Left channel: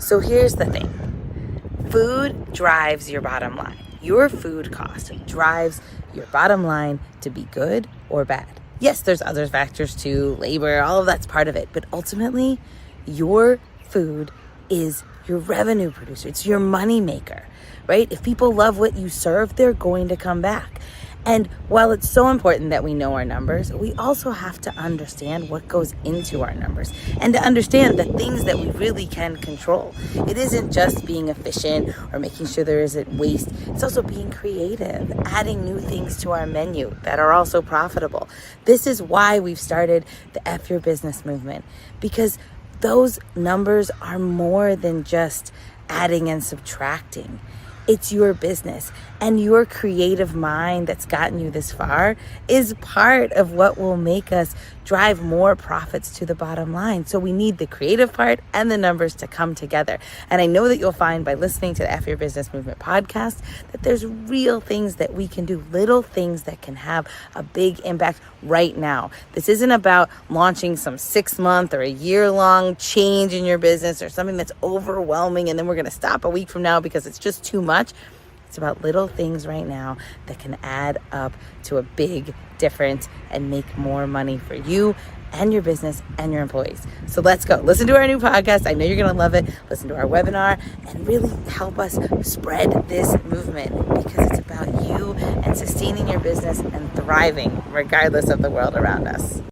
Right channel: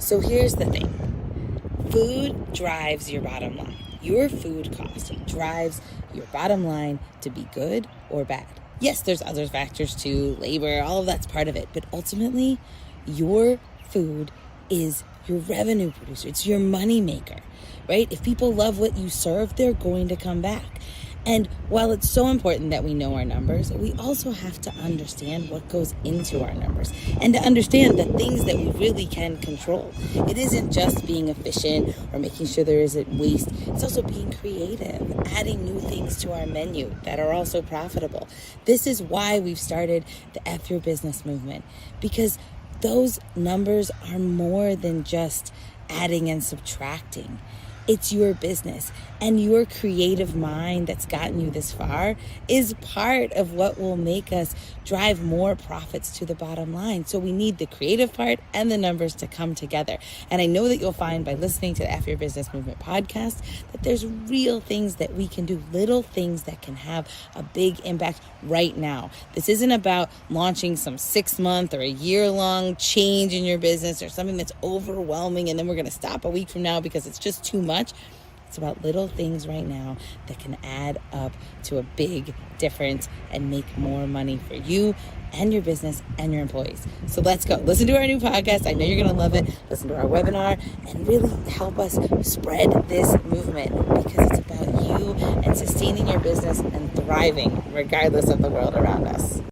So here's the thing. Food drives your bottom line. Your food cost drives your bottom line to be good or bad. Yes, there's other factors too, labor, all of that's part of it. But ultimately, your food is your revenue producer. It's your money maker, right? If people love what you serve, they're going to come back. And while it's so important that we know our numbers, we also have to understand what goes into our numbers and to understand the things that we really can control. It isn't just being efficient or making sure there isn't waste. It's also being creative, adding new things to our menu that are also profitable. This is why we've started the F Your Business movement, because those numbers are more than just adding and subtracting. It's your business, and your creative mind that's gotten you this far is part of what will make us drive more profits to the bottom line. So we need the creative part and the numbers to come together. And I know that you'll find by listening to the F Your Business Movement podcast that there's real things that we can do, little things that can have a big impact right now. This isn't about launching some 6-month or a year-long change in your business or something that's overwhelming and then we're going to stop a week from now because it's just too much. It's about little things right now that can add up to a big difference and make more money for you and your business and your employees. So let's go. Listen to our new podcast. I know you're going to love it. Listen to our webinar and really help us spread this movement, because it's about you and sustaining your business and thriving regardless of the world around us.